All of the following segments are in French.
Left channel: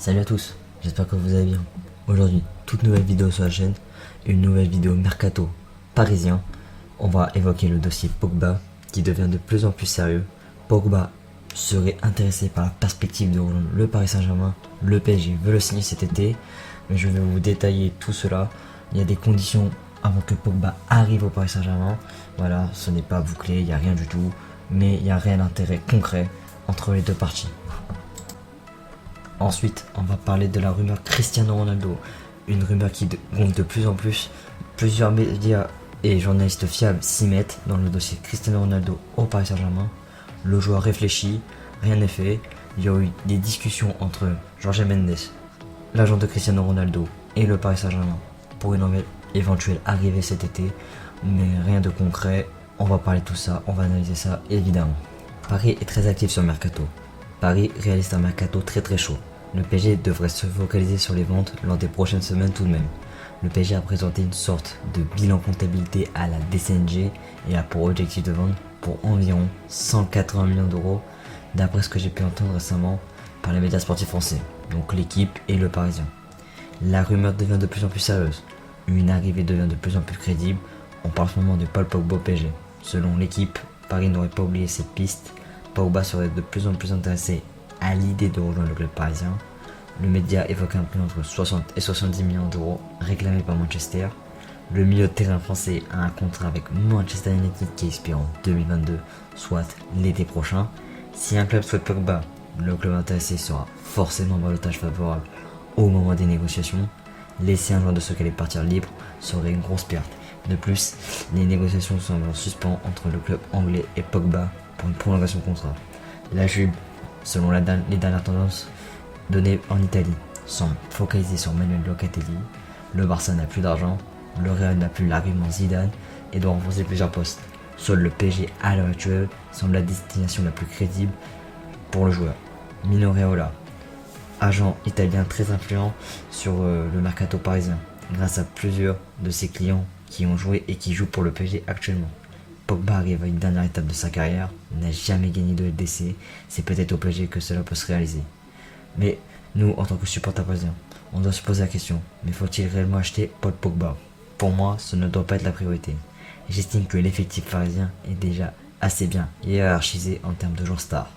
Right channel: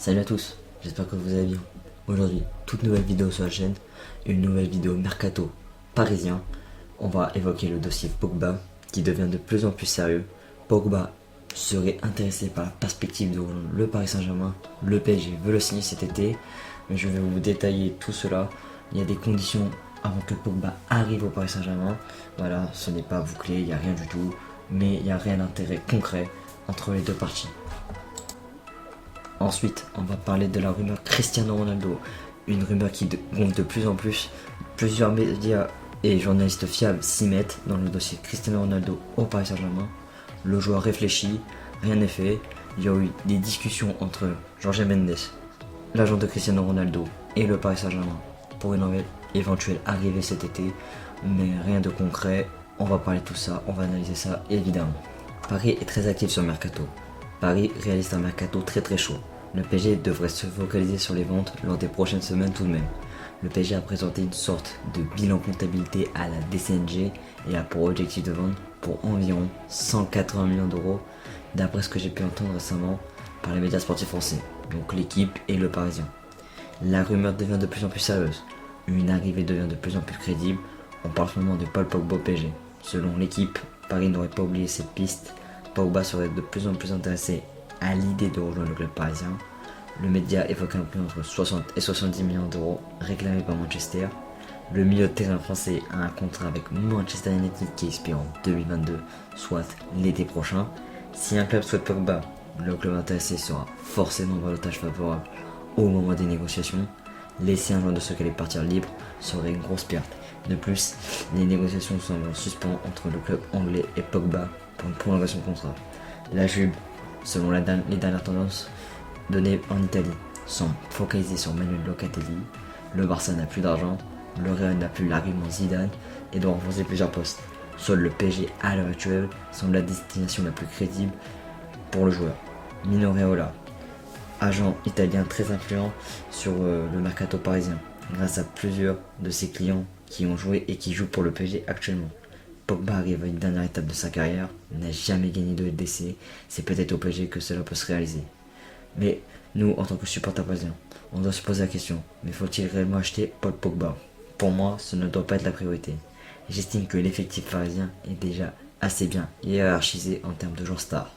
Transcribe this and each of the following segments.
Salut à tous, j'espère que vous allez bien. Aujourd'hui, toute nouvelle vidéo sur la chaîne, une nouvelle vidéo mercato parisien. On va évoquer le dossier Pogba qui devient de plus en plus sérieux. Pogba serait intéressé par la perspective de rejoindre le Paris Saint-Germain. Le PSG veut le signer cet été, mais je vais vous détailler tout cela. Il y a des conditions avant que Pogba arrive au Paris Saint-Germain. Voilà, ce n'est pas bouclé, il n'y a rien du tout, mais il n'y a rien d'intérêt concret entre les deux parties. Ensuite, on va parler de la rumeur Cristiano Ronaldo. Une rumeur qui gonfle de plus en plus. Plusieurs médias et journalistes fiables s'y mettent dans le dossier Cristiano Ronaldo au Paris Saint-Germain. Le joueur réfléchit, rien n'est fait. Il y a eu des discussions entre Jorge Mendes, l'agent de Cristiano Ronaldo, et le Paris Saint-Germain pour une éventuelle arrivée cet été. Mais rien de concret. On va parler de tout ça, on va analyser ça évidemment. Paris est très actif sur le mercato. Paris réalise un mercato très chaud. Le PSG devrait se focaliser sur les ventes lors des prochaines semaines tout de même. Le PSG a présenté une sorte de bilan comptabilité à la DCNG et a pour objectif de vendre pour environ 180 millions d'euros, d'après ce que j'ai pu entendre récemment par les médias sportifs français, donc l'équipe et le Parisien. La rumeur devient de plus en plus sérieuse. Une arrivée devient de plus en plus crédible. On parle en ce moment de Paul Pogba au PSG. Selon l'équipe, Paris n'aurait pas oublié cette piste. Pogba serait de plus en plus intéressé à l'idée de rejoindre le club parisien. Le média évoque un prix entre 60 et 70 millions d'euros réclamé par Manchester. Le milieu de terrain français a un contrat avec Manchester United qui expire en 2022, soit l'été prochain. Si un club souhaite Pogba, le club intéressé sera forcément un balotage favorable au moment des négociations. Laisser un joueur de ce qu'elle est partir libre serait une grosse perte. De plus, les négociations sont en suspens entre le club anglais et Pogba pour une prolongation de contrat. La Juve, selon les dernières tendances données en Italie, semble focalisée sur Manuel Locatelli. Le Barça n'a plus d'argent, le Real n'a plus l'argument Zidane et doit renforcer plusieurs postes. Seul le PSG à l'heure actuelle semble la destination la plus crédible pour le joueur. Mino Raiola, agent italien très influent sur le mercato parisien, grâce à plusieurs de ses clients qui ont joué et qui jouent pour le PSG actuellement. Pogba arrive à une dernière étape de sa carrière, n'a jamais gagné de LDC, c'est peut-être au PSG que cela peut se réaliser. Mais nous, en tant que supporters parisiens, on doit se poser la question, mais faut-il réellement acheter Paul Pogba? Pour moi, ce ne doit pas être la priorité. J'estime que l'effectif parisien est déjà assez bien hiérarchisé en termes de joueurs stars.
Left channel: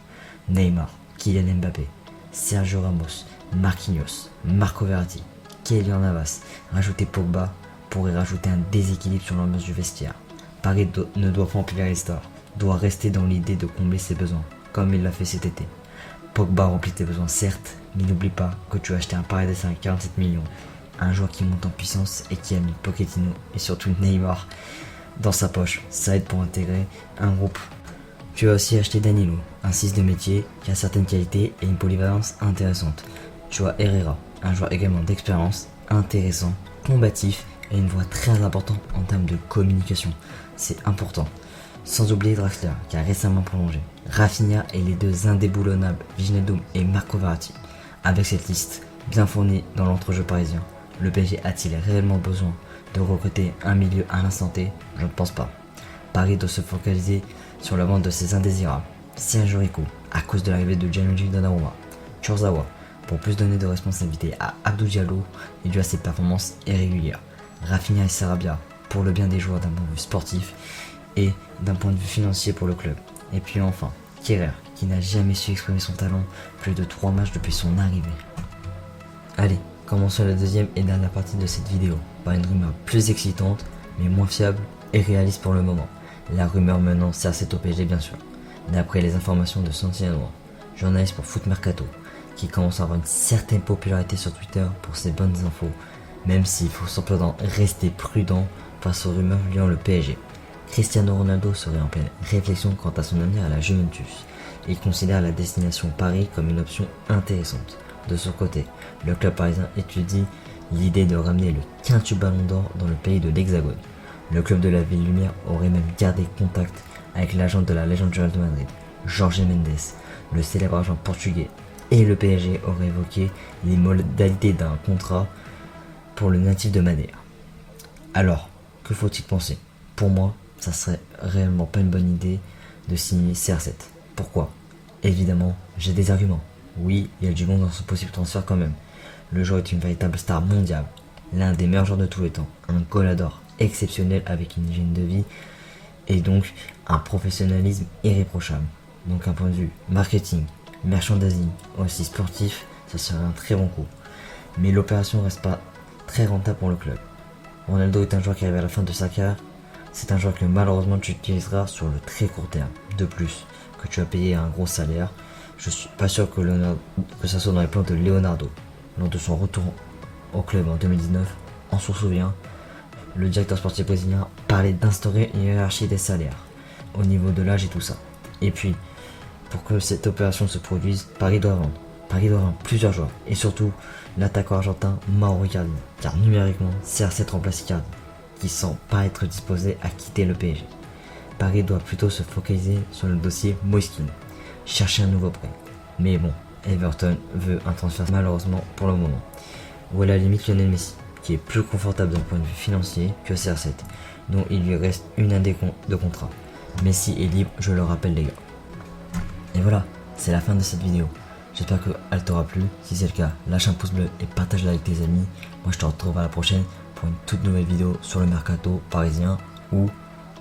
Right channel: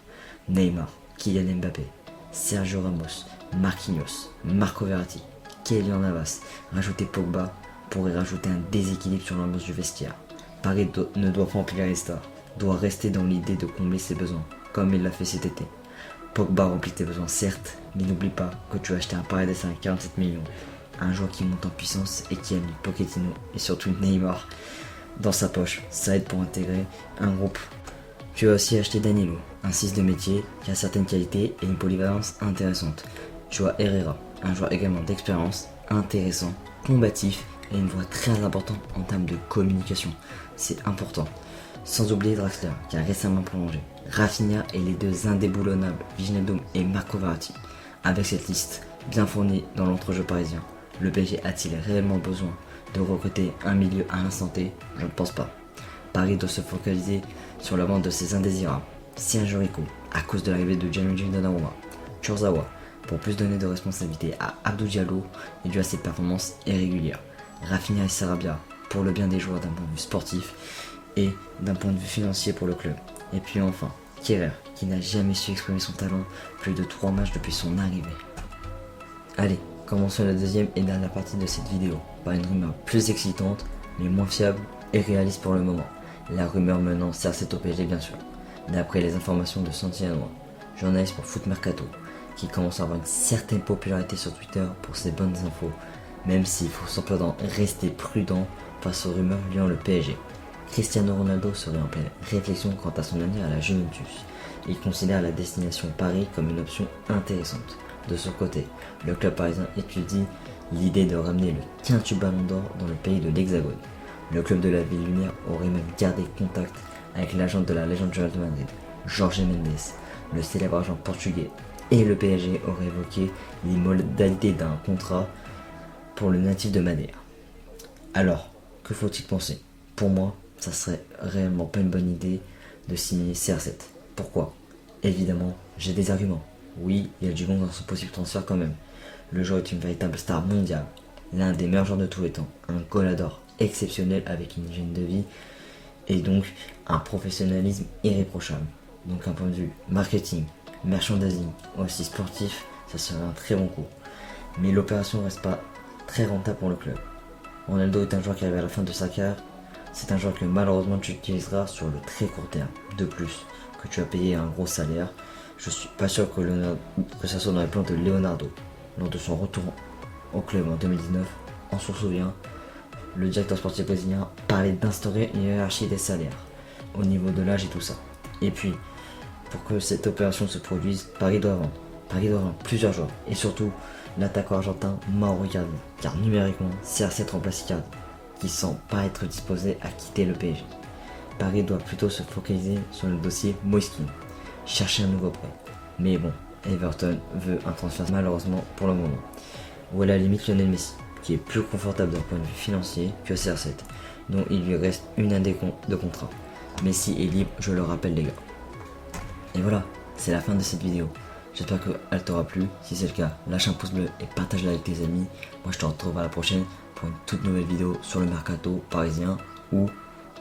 Neymar, Kylian Mbappé, Sergio Ramos, Marquinhos, Marco Verratti, Kylian Navas. Rajouter Pogba pourrait rajouter un déséquilibre sur l'ambiance du vestiaire. Paris ne doit pas empiler les stars, doit rester dans l'idée de combler ses besoins, comme il l'a fait cet été. Pogba remplit tes besoins certes, mais n'oublie pas que tu as acheté un Paredes à 47 millions, un joueur qui monte en puissance et qui a mis Pochettino et surtout Neymar dans sa poche. Ça aide pour intégrer un groupe. Tu as aussi acheté Danilo, un 6 de métier qui a certaines qualités et une polyvalence intéressante. Tu as Herrera, un joueur également d'expérience, intéressant, combatif et une voix très importante en termes de communication. C'est important. Sans oublier Draxler qui a récemment prolongé. Rafinha et les deux indéboulonnables Wijnaldum et Marco Verratti. Avec cette liste bien fournie dans l'entrejeu parisien, le PSG a-t-il réellement besoin de recruter un milieu à l'instant T? Je ne pense pas. Paris doit se focaliser sur la vente de ses indésirables. Sergio Rico, à cause de l'arrivée de Gianluigi Donnarumma. Kurzawa, pour plus donner de responsabilité à Abdou Diallo et dû à ses performances irrégulières. Rafinha et Sarabia, pour le bien des joueurs d'un point de vue sportif et d'un point de vue financier pour le club. Et puis enfin, Kehrer, qui n'a jamais su exprimer son talent plus de 3 matchs depuis son arrivée. Allez, commençons la deuxième et dernière partie de cette vidéo, par une rumeur plus excitante, mais moins fiable et réaliste pour le moment. La rumeur menant CR7 au PSG bien sûr, d'après les informations de Santillanois, journaliste pour Foot Mercato, qui commence à avoir une certaine popularité sur Twitter pour ses bonnes infos, même s'il faut simplement rester prudent face aux rumeurs liant le PSG. Cristiano Ronaldo serait en pleine réflexion quant à son avenir à la Juventus. Il considère la destination Paris comme une option intéressante. De son côté, le club parisien étudie l'idée de ramener le quintuple Ballon d'Or dans le pays de l'Hexagone. Le club de la Ville Lumière aurait même gardé contact avec l'agent de la légende du Real de Madrid, Jorge Mendes, le célèbre agent portugais, et le PSG aurait évoqué les modalités d'un contrat pour le natif de Madère. Alors, que faut-il penser? Pour moi, ça serait réellement pas une bonne idée de signer CR7. Pourquoi? Évidemment, j'ai des arguments. Oui, il y a du bon dans ce possible transfert quand même. Le joueur est une véritable star mondiale, l'un des meilleurs joueurs de tous les temps, un goleador exceptionnel avec une hygiène de vie et donc un professionnalisme irréprochable. Donc un point de vue marketing, merchandising, aussi sportif, ça serait un très bon coup. Mais l'opération reste pas très rentable pour le club. Ronaldo est un joueur qui arrive à la fin de sa carrière. C'est un joueur que malheureusement tu utiliseras sur le très court terme. De plus, que tu as payé un gros salaire, je suis pas sûr que ça soit dans les plans de Leonardo. Lors de son retour au club en 2019, on s'en souvient, le directeur sportif brésilien parlait d'instaurer une hiérarchie des salaires au niveau de l'âge et tout ça. Et puis, pour que cette opération se produise, Paris doit vendre. Paris doit vendre plusieurs joueurs et surtout l'attaquant argentin Mauro Icardi, car numériquement CR7 remplace Icardi, qui semble pas être disposé à quitter le PSG. Paris doit plutôt se focaliser sur le dossier Moiskin, chercher un nouveau prêt. Mais bon, Everton veut un transfert malheureusement pour le moment. Ou à la limite Lionel Messi, qui est plus confortable d'un point de vue financier que CR7, dont il lui reste une année de contrat. Messi est libre, je le rappelle les gars. Et voilà, c'est la fin de cette vidéo. J'espère qu'elle t'aura plu. Si c'est le cas, lâche un pouce bleu et partage-la avec tes amis. Moi je te retrouve à la prochaine pour une toute nouvelle vidéo sur le mercato parisien ou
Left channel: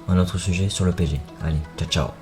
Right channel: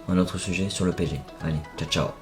un autre sujet sur le PSG. Allez, ciao ciao.